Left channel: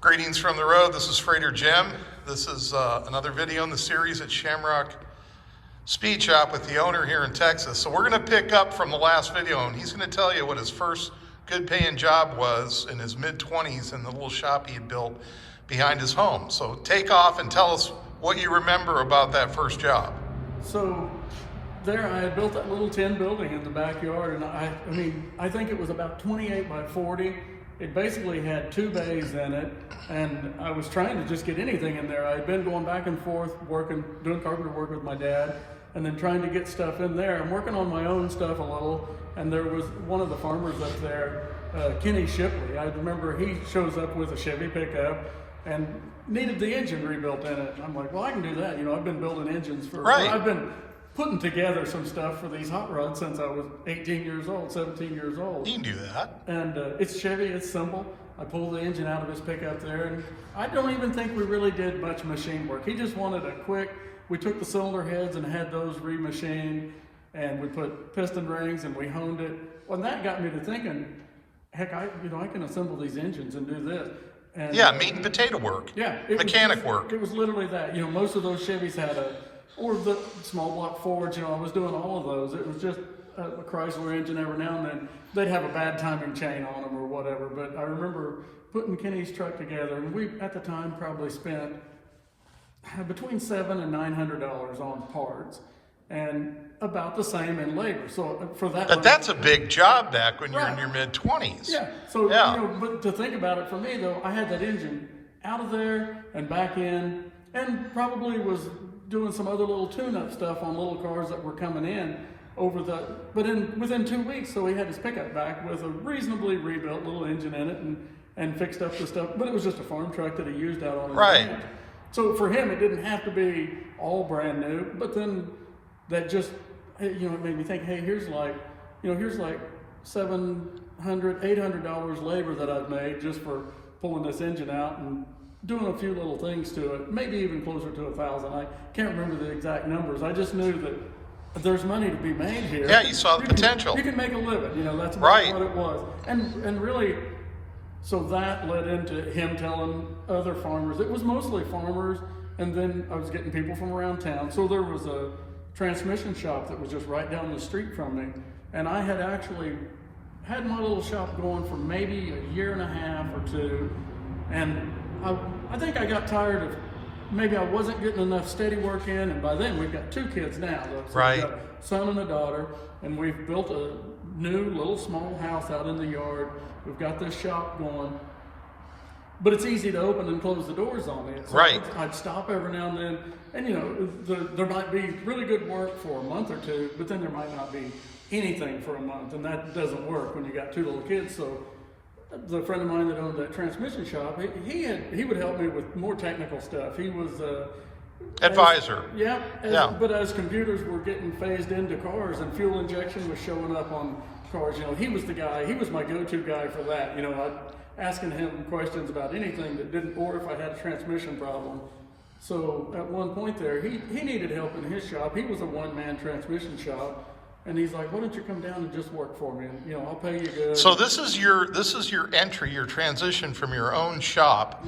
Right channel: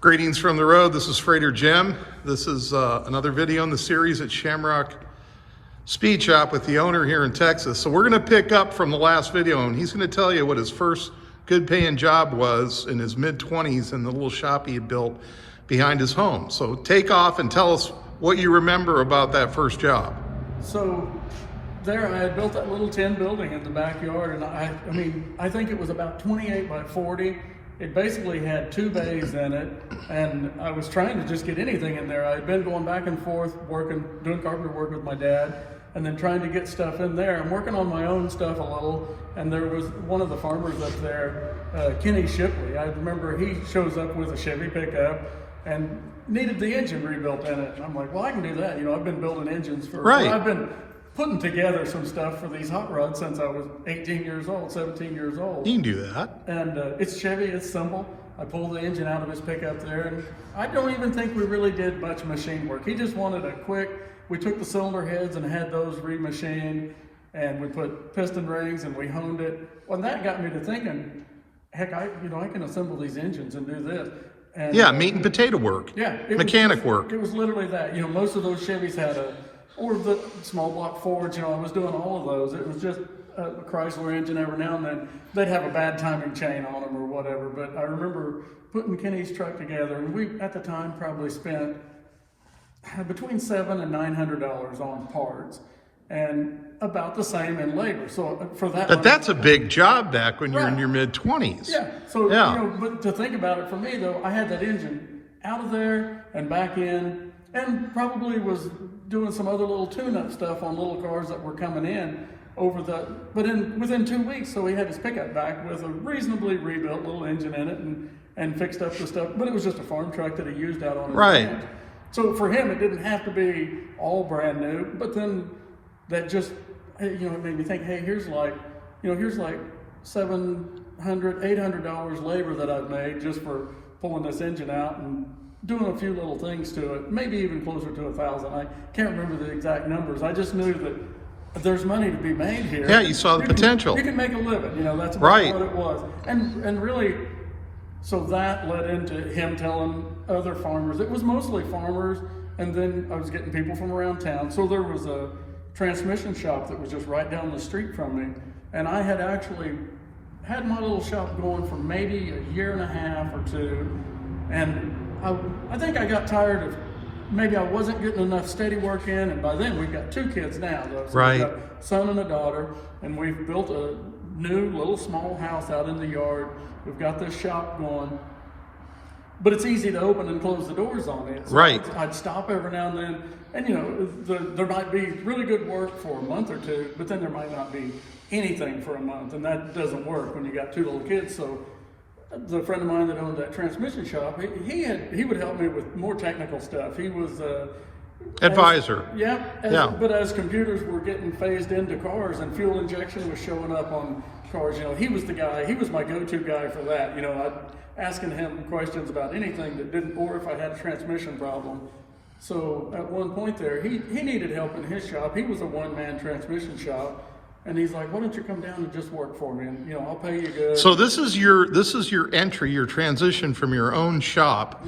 Greetings from the road. This is Freighter Jim. This is another video in the series at Shamrock Speed Shop with the owner here in Texas. So we're going to pick up from the last video, and he's going to tell you what his first good paying job was in his mid-20s in the little shop he had built behind his home. So take off and tell us what you remember about that first job. So there I had built that little tin building in the backyard, and I think it was about 28 by 40. It basically had 2 bays in it, and I was trying to just get anything in there. I had been going back and forth doing carpenter work with my dad, and then trying to get stuff in there. I'm working on my own stuff a little, and there was one of the farmers up there, Kenny Shipley. I remember he shows up with a Chevy pickup and needed the engine rebuilt in it. And I'm like, well, I can do that. You know, I've been building engines I've been putting together some stuff for these hot rods since I was 18 years old, 17 years old. You can do that. And it's Chevy, it's simple. I pulled the engine out of his pickup there, and I don't even think we really did much machine work. He just wanted a quick, we took the cylinder heads and had those remachined, and we put piston rings and we honed it. Well, and that got me to thinking, heck, I can assemble these engines and do this. And, yeah, meat and potato work. Yeah. Mechanic work. It was literally that. You know, most of those Chevys had or the small block Fords, you know, I was doing all of those. It was just a Chrysler engine. Every now and then they'd have a bad timing chain on them or whatever. But I remember putting Kenny's truck together, and we at the time probably spent between $700 and $900 on parts, and about the same in labor. So for that, but that's a big job back when you're in your mid-20s. Yeah. So yeah. You know, but to think about it, for me though, I had that engine out of there and back in, and probably was doing some other little tune-up stuff on little cars that were coming in within 2 weeks. So he had his pickup back with a reasonably rebuilt little engine in it, and fixed up the stuff. But it was just a farm truck that he used out on his ranch. So for him, it didn't have to be all brand new. But then that just, it made me think, hey, here's like $700, $800 labor that I've made just for pulling this engine out and doing a few little things to it, maybe even closer to 1,000. I can't remember the exact numbers. I just knew that there's money to be made here. Yeah, you saw the potential. You can make a living, that's about what it was. And really, so that led into him telling other farmers. It was mostly farmers, and then I was getting people from around town. So there was a transmission shop that was just right down the street from me, and I had actually had my little shop going for maybe a year and a half or two, and I think I got tired of maybe I wasn't getting enough steady work in, and by then we've got 2 kids now. So we've got a son and a daughter, and we've built a new little small house out in the yard. We've got this shop going, but it's easy to open and close the doors on it. So I'd stop every now and then, and there might be really good work for a month or two, but then there might not be anything for a month, and that doesn't work when you got 2 little kids. So the friend of mine that owned that transmission shop, he would help me with more technical stuff. He was advisor. But as computers were getting phased into cars and fuel injection was showing up on cars, he was the guy. He was my go-to guy for that. I'd asking him questions about anything that didn't, or if I had a transmission problem. So at one point there, he needed help in his shop. He was a one-man transmission shop. And he's like, why don't you come down and just work for me? And, I'll pay you good. So this is your entry, your transition from your own shop,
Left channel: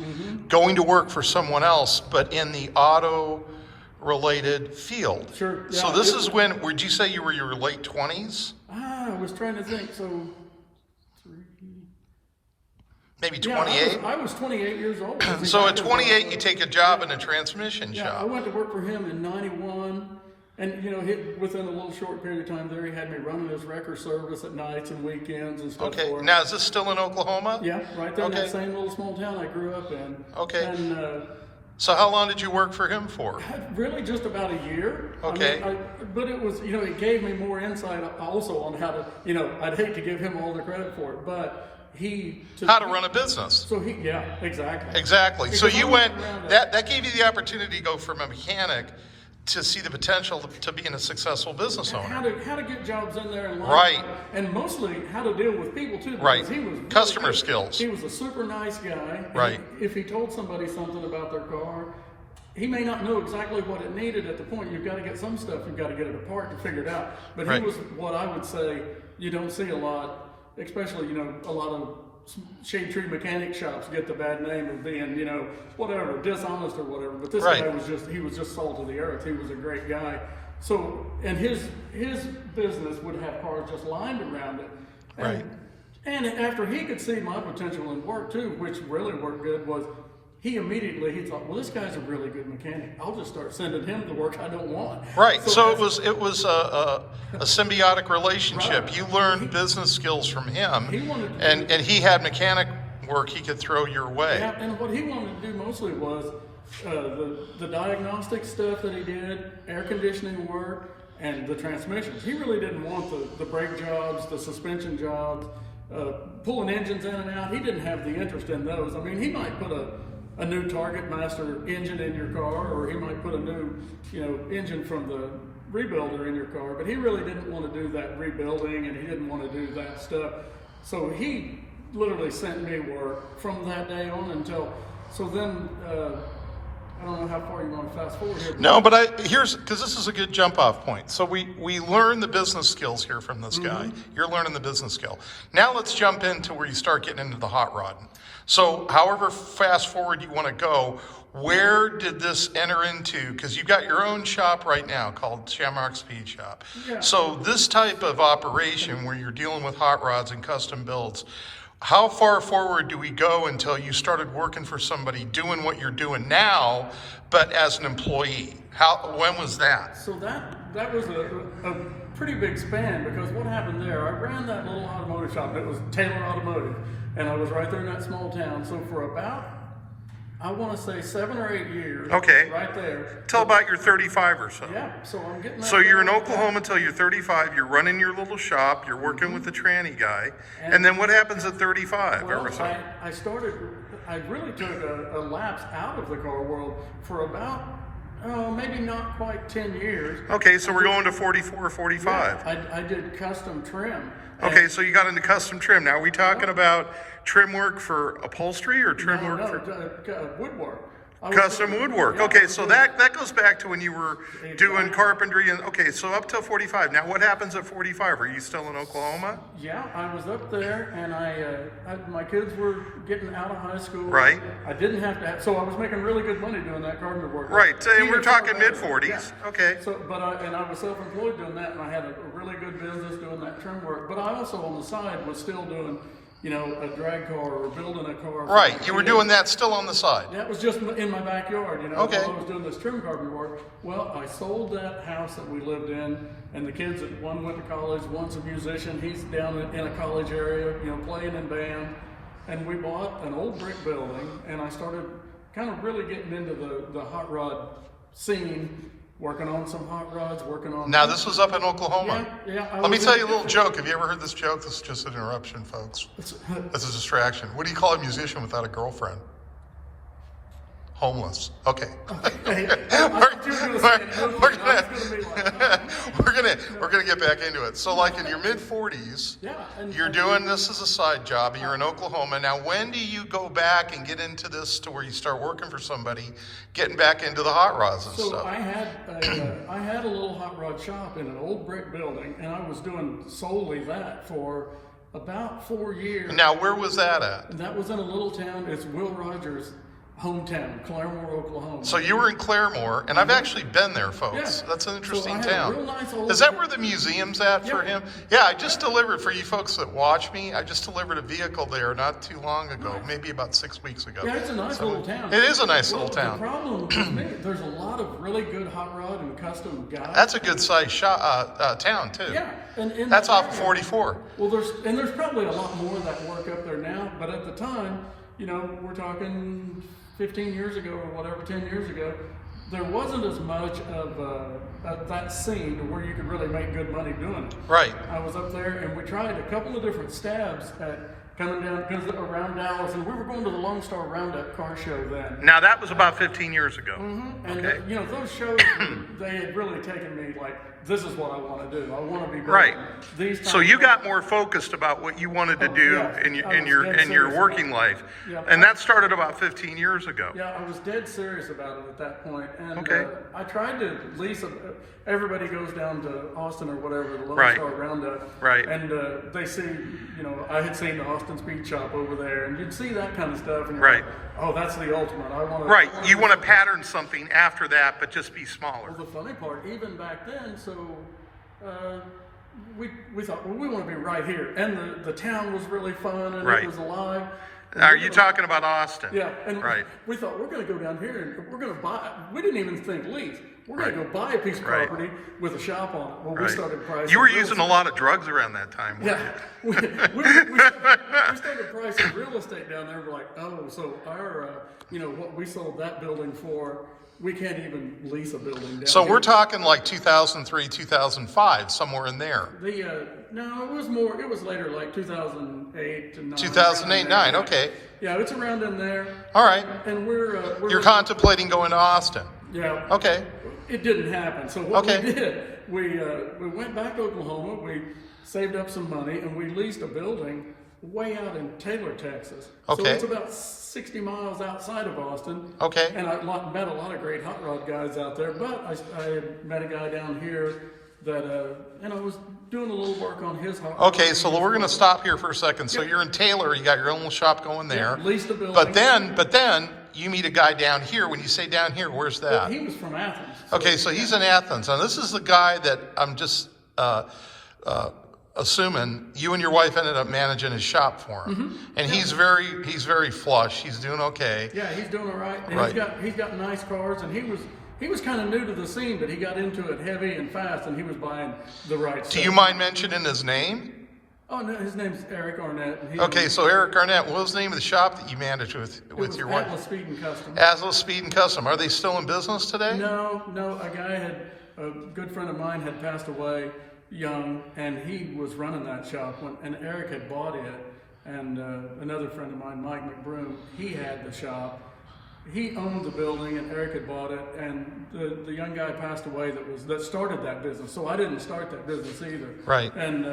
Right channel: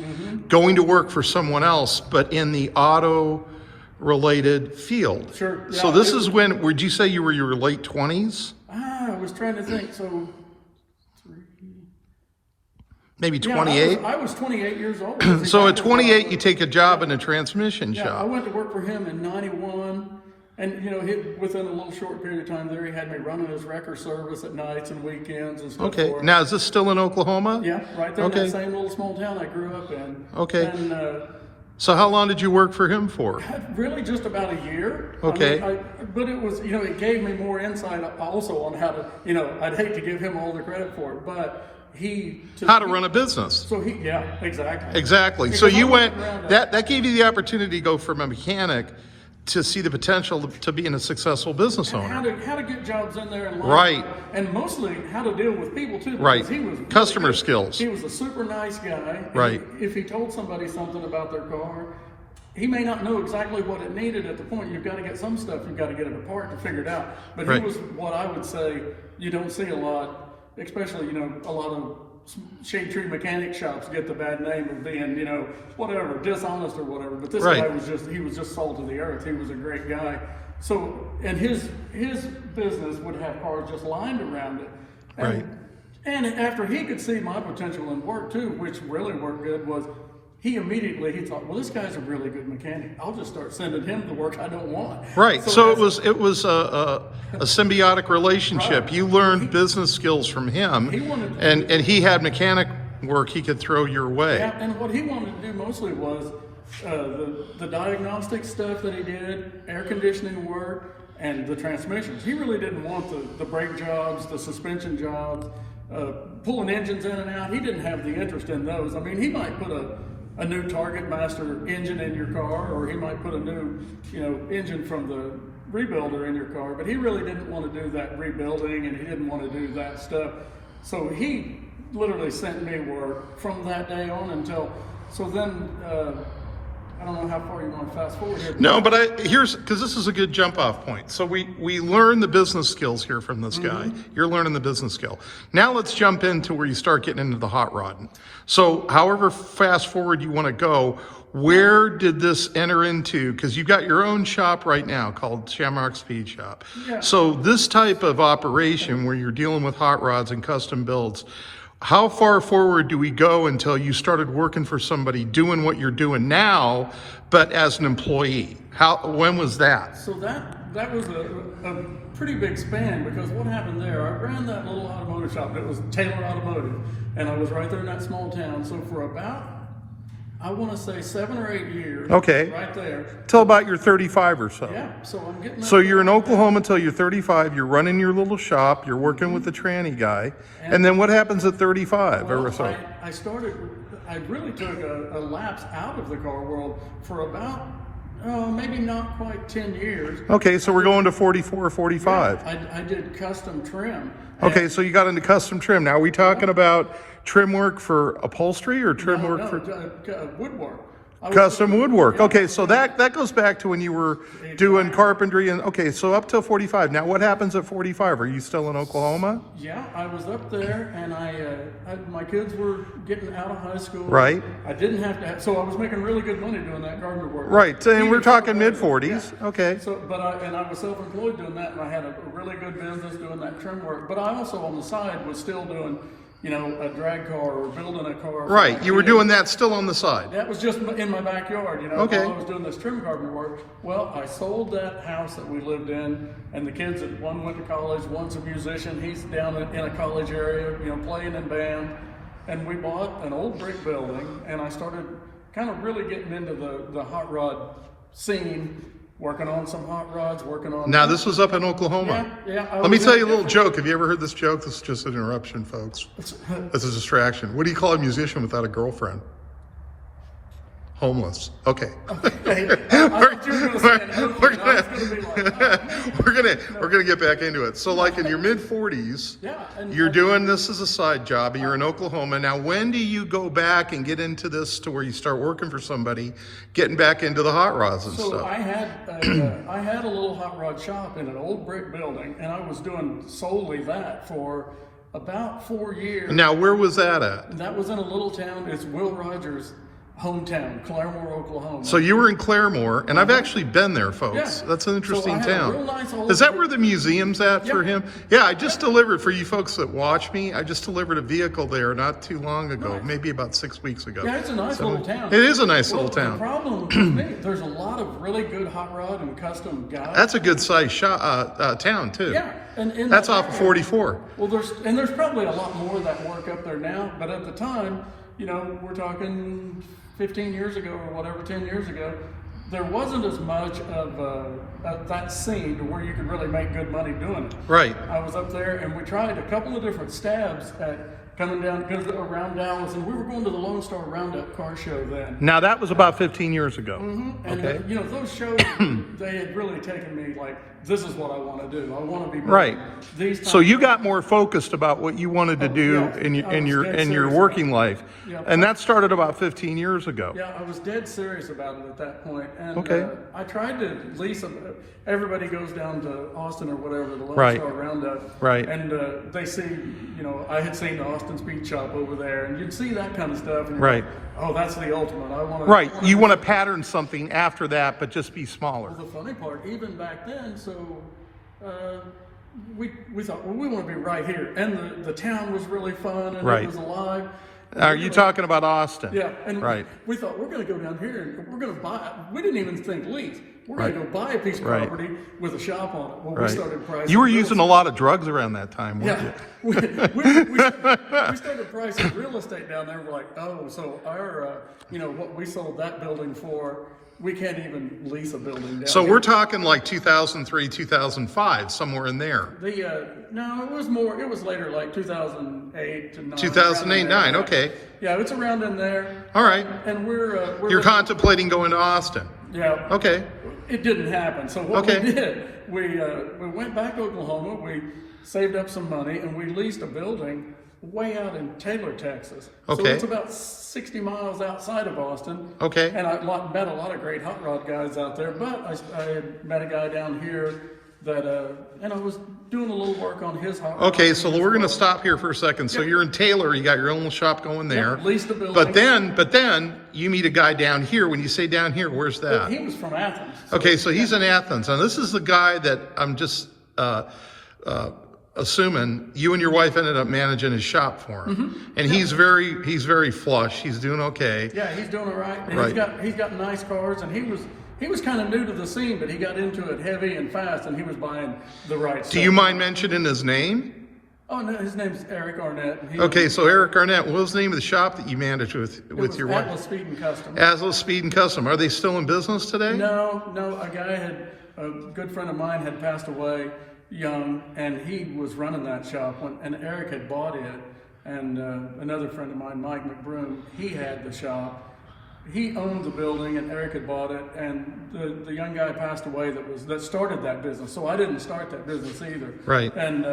going to work for someone else, but in the auto-related field. Sure. Yeah, so this is when, would you say you were your late 20s? I was trying to think. So maybe 28? I was 28 years old. So at 28, you take a job in a transmission shop. I went to work for him in '91. And, within a little short period of time there, he had me running his wrecker service at nights and weekends and stuff. Okay. Now, is this still in Oklahoma? Yeah, right there in that same little small town I grew up in. Okay. And, so how long did you work for him for? Really just about a year. Okay. But it was, it gave me more insight also on how to, I'd hate to give him all the credit for it, but how to run a business. So exactly. Exactly. So you went, that gave you the opportunity to go from a mechanic to see the potential to being a successful business owner. How to get jobs in there and and mostly how to deal with people too. He was customer skills. He was a super nice guy. Right. If he told somebody something about their car, he may not know exactly what it needed at the point. You've got to get some stuff. You've got to get it apart to figure it out. But he was what I would say you don't see a lot, especially a lot of shade tree mechanic shops get the bad name of being, you know, whatever, dishonest or whatever. But this Right. guy he was just salt of the earth. He was a great guy. So, and his business would have cars just lined around it. And, Right. And after he could see my potential in work too, which really worked good, was he thought, well, this guy's a really good mechanic. I'll just start sending him the work I don't want. Right. So it was a symbiotic relationship. Right. You learned business skills from him, and he had mechanic work he could throw your way. Yeah, and what he wanted to do mostly was the diagnostic stuff that he did, air conditioning work, and the transmissions. He really didn't want the brake jobs, the suspension jobs, pulling engines in and out. He didn't have the interest in those. I mean, he might put a new Target Master engine in your car, or he might put a new, you know, engine from the rebuilder in your car, but he really didn't want to do that rebuilding, and he didn't want to do that stuff. So he literally sent me work from that day on until, so then, I don't know how far you want to fast forward here. No, but because this is a good jump off point. So we learn the business skills here from this guy. You're learning the business skill. Now let's jump into where you start getting into the hot rodding. So however fast forward you want to go, where did this enter into? Because you've got your own shop right now called Shamrock Speed Shop. Yeah. So this type of operation where you're dealing with hot rods and custom builds, how far forward do we go until you started working for somebody doing what you're doing now, but as an employee? When was that? So that was a pretty big span, because what happened there, I ran that little automotive shop. It was Taylor Automotive, and I was right there in that small town. So for about, I want to say 7 or 8 years. Okay. Right there. Till about you're 35 or so. Yeah. So I'm getting. So you're in Oklahoma until you're 35. You're running your little shop. You're working with the tranny guy. And then what happens at 35? Well, or so? I really took a lapse out of the car world for about, maybe not quite 10 years. Okay, so we're going to 44 or 45. Yeah, I did custom trim. Okay, so you got into custom trim. Now, are we talking about trim work for upholstery or trim work for woodwork. custom woodwork? Yeah, Okay, so that goes back to when you were doing carpentry. And okay, so up till 45. Now, what happens at 45? Are you still in Oklahoma? Yeah, I was up there, and my kids were getting out of high school. Right. I didn't have to. So I was making really good money doing that carpenter work. Right, and we're talking mid-40s. Yeah. Okay. So, I was self-employed doing that, and I had a really good business doing that trim work. But I also on the side was still doing, you know, a drag car or building a car. Right, you were doing that still on the side. That was just in my backyard, you know, okay. while I was doing this trim carpenter work. Well, I sold that house that we lived in, and the kids, one went to college, one's a musician, he's down in a college area, you know, playing in band. And we bought an old brick building, and I started kind of really getting into the hot rod scene, working on some hot rods, working on... Now, this was up in Oklahoma. Yeah. Let me tell you a little joke. Have you ever heard this joke? This is just an interruption, folks. This is a distraction. What do you call a musician without a girlfriend? Homeless. Okay. We're gonna get back into it. So, like in your mid 40s, you're doing this as a side job, and you're in Oklahoma. Now, when do you go back and get into this to where you start working for somebody, getting back into the hot rods and stuff? I had a little hot rod shop in an old brick building, and I was doing solely that for about 4 years. Now, where was that at? And that was in a little town. It's Will Rogers' hometown, Claremore, Oklahoma. So you were in Claremore, and I've actually been there, folks. Yeah. That's an interesting So town. A real nice old Is that where the museum's at for him? Yeah, I just Yeah. delivered, for you folks that watch me, I just delivered a vehicle there not too long ago, Nice. maybe about 6 weeks ago. Yeah, it's a nice little town. It is a nice little town. The problem with me, there's a lot of really good hot rod and custom guys. That's a good sized town, too. Yeah. And that's off of 44. Well, there's probably a lot more that work up there now, but at the time, you know, we're talking 15 years ago or whatever, 10 years ago, there wasn't as much of that scene to where you could really make good money doing it. Right. I was up there, and we tried a couple of different stabs at coming down, because around Dallas, and we were going to the Lone Star Roundup car show then. Now, that was about 15 years ago. Mm-hmm. And, okay. you know, those shows, they had really taken me, like, this is what I want to do. I want to be right. These So you got more focused about what you wanted to do in your working life. Yeah, and that started about 15 years ago. Yeah, I was dead serious about it at that point. And okay. I tried to lease everybody goes down to Austin or whatever, the Lone right. Star Roundup. Right. And they see, you know, I had seen the Austin Speed Shop over there, and you'd see that kind of stuff. And you're right. like, oh, that's the ultimate. I want to. Right. You want to pattern something after that, but just be smaller. Well, the funny part, even back then, so we thought, well, we want to be right here. And the town was really fun, and right. it was alive. Are you talking about Austin? Yeah, and right. we thought we're going to go down here and we're going to buy. We didn't even think lease. We're right. going to go buy a piece of right. property with a shop on it. Well, right. we started pricing. You were using a lot of drugs around that time, weren't yeah. you? we started pricing real estate down there. We're like, oh, so our, you know, what we sold that building for, we can't even lease a building down So here. we're talking like 2003, 2005, somewhere in there. No, it was more. It was later, like 2008 to 9. 2008, 9. Okay. Yeah, it's around in there. All right. And we're You're contemplating going to Austin. Yeah. Okay. It didn't happen. So what okay. we did, we went back to Oklahoma. We saved up some money and we leased a building way out in Taylor, Texas. Okay. So it's about 60 miles outside of Austin. Okay. And I met a lot of great hot rod guys out there, but I had met a guy down here that, and I was doing a little work on his hot rod. Okay, so we're going to stop here for a second. So you're in Taylor, you got your own shop going there. Yeah, leased a building. But then you meet a guy down here. When you say down here, where's that? Well, he was from Athens. So, okay, so he's in Athens. Now this is the guy that I'm just assuming you and your wife ended up managing his shop for him. Mm-hmm. And he's very flush. He's doing okay. Yeah, he's doing all right. And right. he's got nice cars, and he was kind of new to the scene, but he got into it heavy and fast, and he was buying the right stuff. Do you mind mentioning his name? Oh, no, his name's Eric Arnett. Okay, so Eric Arnett, what was the name of the shop that you managed with your wife? Atlas Speed and Custom. Atlas Speed and Custom. Are they still in business today? No. A good friend of mine had passed away young, and he was running that shop, and Eric had bought it, and another friend of mine, Mike McBroom, he had the shop. He owned the building, and Eric had bought it, and the young guy passed away that started that business. So I didn't start that business either. Right. And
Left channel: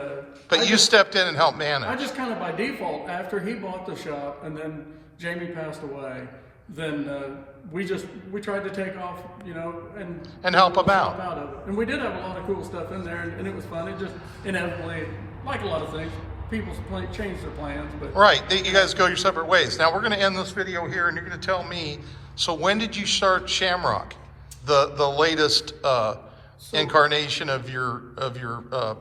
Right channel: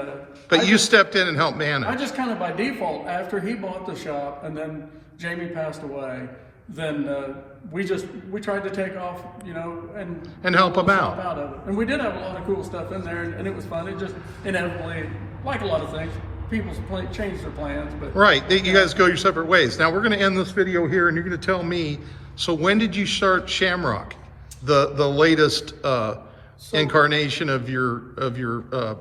but you stepped in and helped manage. I just kind of by default, after he bought the shop, and then Jamie passed away, then we tried to take off, you know, and help him out of it. And we did have a lot of cool stuff in there, and it was fun. It just inevitably, like a lot of things, people change their plans. But right, you guys go your separate ways. Now we're going to end this video here, and you're going to tell me. So when did you start Shamrock, the latest incarnation of your?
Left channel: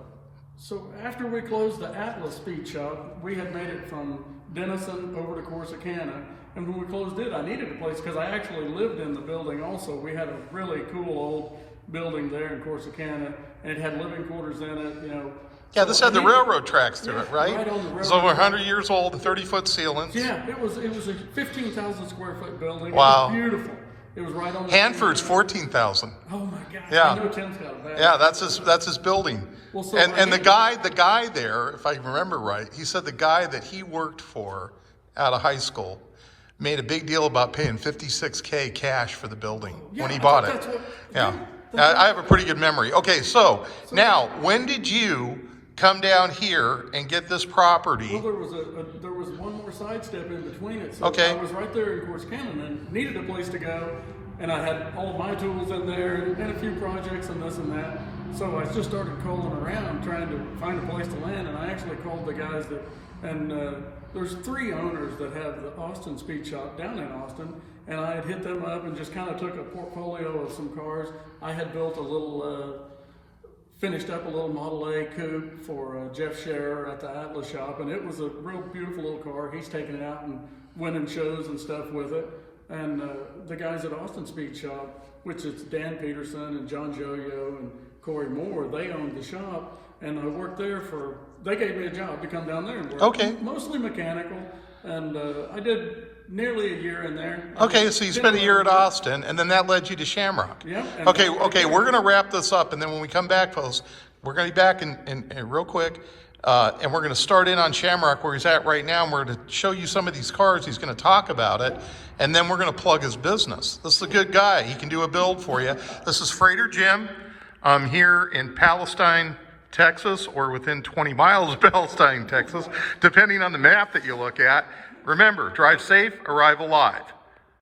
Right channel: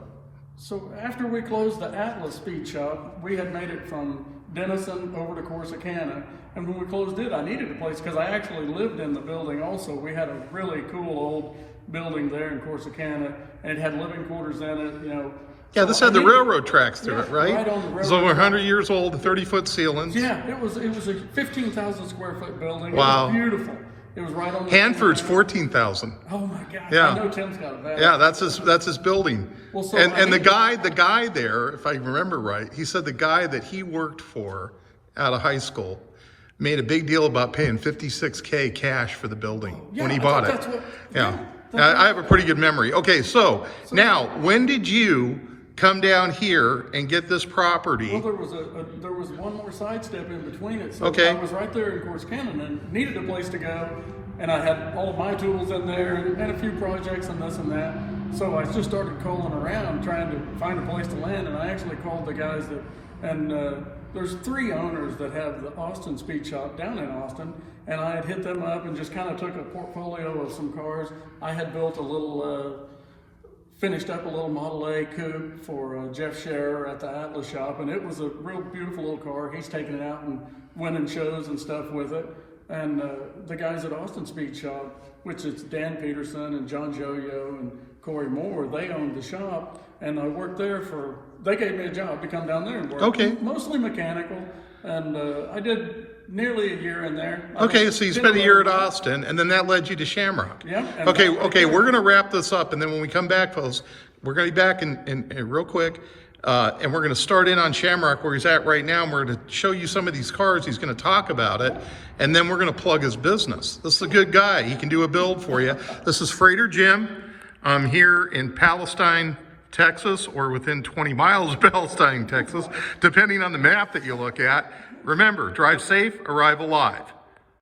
So after we closed the Atlas Speed Shop, we had made it from Denison over to Corsicana. And when we closed it, I needed a place because I actually lived in the building also. We had a really cool old building there in Corsicana, and it had living quarters in it, you know. Yeah, this had the railroad tracks through it, right? Right on the railroad. It's over 100 years old, 30-foot ceilings. Yeah, it was a 15,000 square foot building. Wow. It was beautiful. It was right on the Hanford's 14,000. Oh my gosh. Yeah. I know Tim's got a bad. Yeah, that's his building. Well, so and the guy there, if I remember right, he said the guy that he worked for out of high school made a big deal about paying $56K cash for the building when he bought it. I have a pretty good memory. Okay, so now when did you come down here and get this property? Well, there was one more sidestep in between it. So okay. I was right there in Corsicana and needed a place to go, and I had all of my tools in there and a few projects and this and that. So I just started calling around trying to find a place to land, and I actually called the guys there's 3 owners that have the Austin Speed Shop down in Austin, and I had hit them up and just kind of took a portfolio of some cars. I had built finished up a little Model A coupe for Jeff Scherer at the Atlas shop, and it was a real beautiful little car. He's taken it out and winning shows and stuff with it. And the guys at Austin Speed Shop, which is Dan Peterson and John Joyo and Corey Moore, they owned the shop, and I worked there they gave me a job to come down there and work. Okay. Mostly mechanical, and I did nearly a year in there. Okay, so you spent a year at Austin, and then that led you to Shamrock. Yeah. Okay, we're going to wrap this up, and then when we come back, folks, we're going to be back in real quick, and we're going to start in on Shamrock where he's at right now, and we're going to show you some of these cars. He's going to talk about it, and then we're going to plug his business. This is a good guy. He can do a build for you. This is Freighter Jim. I'm here in Palestine, Texas, or within 20 miles of Palestine, Texas, depending on the map that you look at. Remember, drive safe, arrive alive.